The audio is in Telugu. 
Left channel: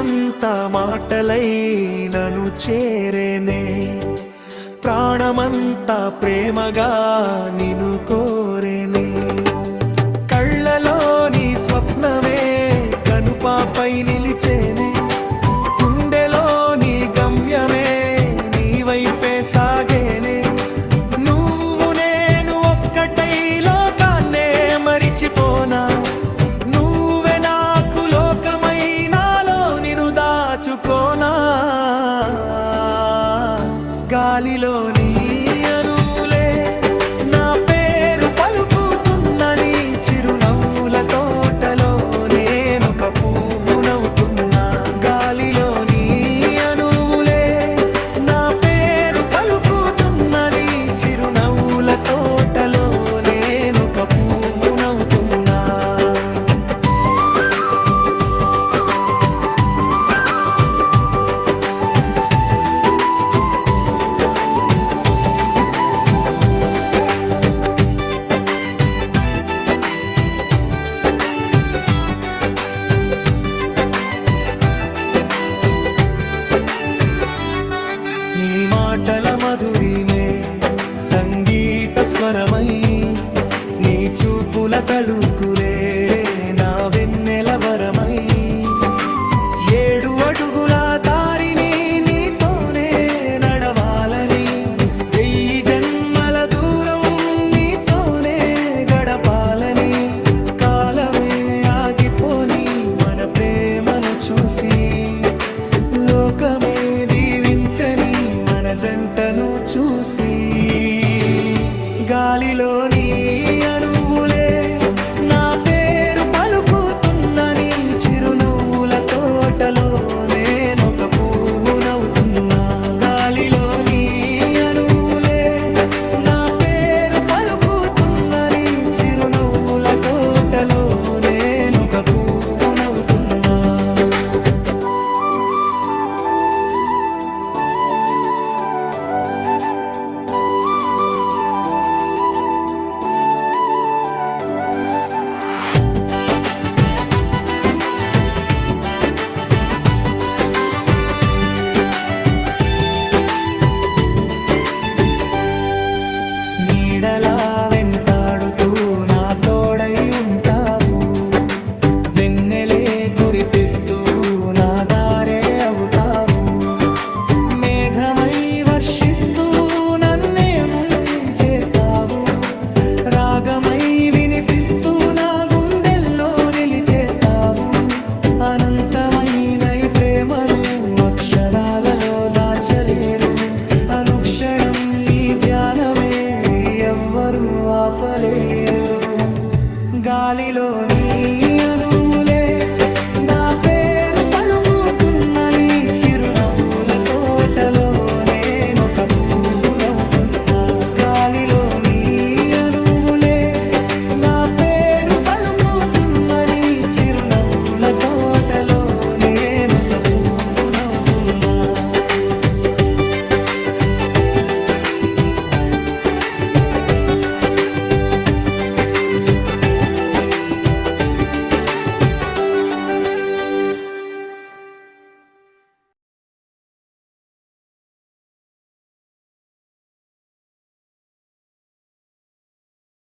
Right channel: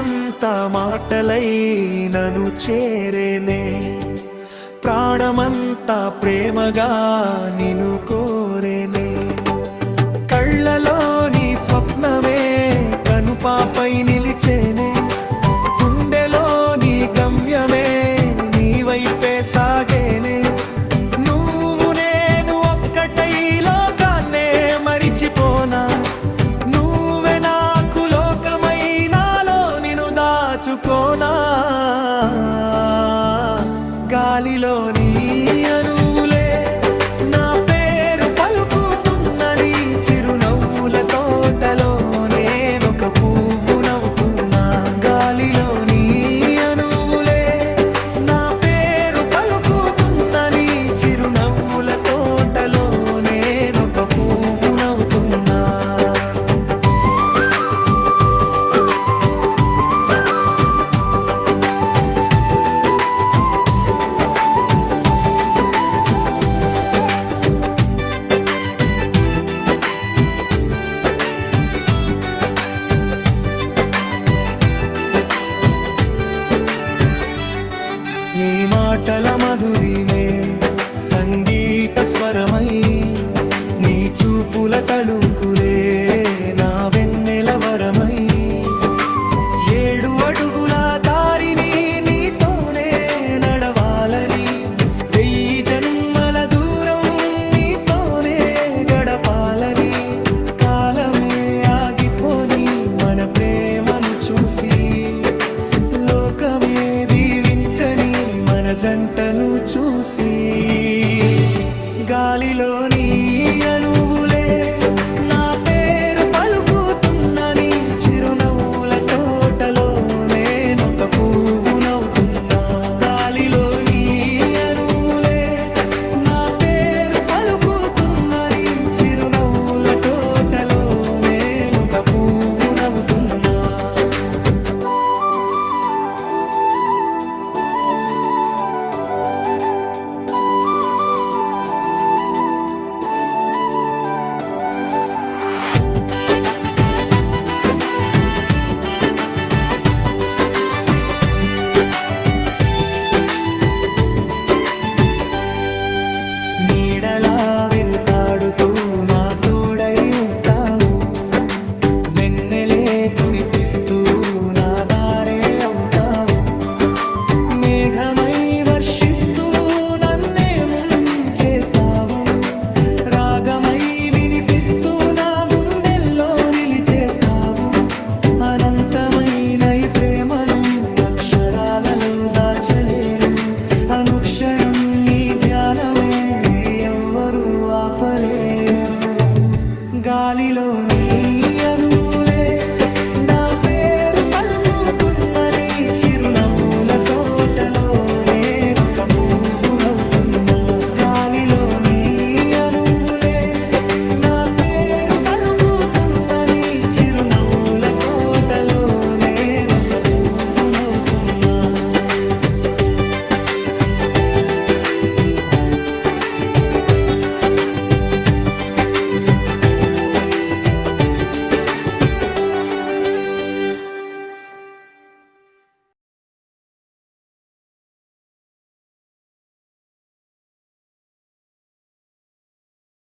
స్వరమంతా మాటలై నన్ను చేరేనే, ప్రాణమంతా ప్రేమగా నిన్ను కోరేనే. కళ్ళలోని స్వప్నమే కనుపాపై నిలిచేనే, గుండెలోని గమ్యమే నీ వైపే సాగేనే. నువ్వు నేను ఒక్కటై లోకాన్నే మరిచిపోనా, నువ్వే నాకు లోకమై నాలో నిన్ను దాచుకోనా. గాలిలోని అణువులే నా పేరు పలుకుతున్నని, చిరునవ్వుల తోటలో నేనొక పువ్వు నవ్వుతున్నా. గాలిలోని అణువులే నా పేరు పలుకుతున్నని, చిరునవ్వుల తోటలో నేనొక పువ్వు నవ్వుతున్నా. నీ మాటల మధురిమే సంగీత స్వరమై, నీ చూపుల తళుకులే నా వెన్నెల వరమై. 7 అడుగుల దారిని నీతోనే నడవాలని, 1000 జన్మల దూరం నీతోనే గడపాలని. కాలమే ఆగిపోని మన ప్రేమను చూసి, లోకమే దీవించని మన జంటను చూసి. గాలిలోని అణువులే నా పేరు పలుకుతున్నని, చిరునవ్వుల తోటలో నేనొక పువ్వు నవ్వుతున్నా. గాలిలోని అణువులే నా పేరు పలుకుతున్నని, చిరునవ్వుల తోటలో నేనొక పువ్వు నవ్వుతున్నా. నీడలా వెంటాడుతూ నా తోడై ఉంటావు, వెన్నెలే కురిపిస్తూ నా దారే అవుతావు. మేఘమై వర్షిస్తూ నన్నే ముంచేస్తావు, రాగమై వినిపిస్తూ నా గుండెల్లో నిలిచేస్తావు. అనంతమైన ఈ ప్రేమను అక్షరాలలో దాచలేరు, అనుక్షణం నీ ధ్యానమే ఎవ్వరూ ఆపలేరు. గాలిలోని అణువులే నా పేరు పలుకుతున్నని, చిరునవ్వుల తోటలోనే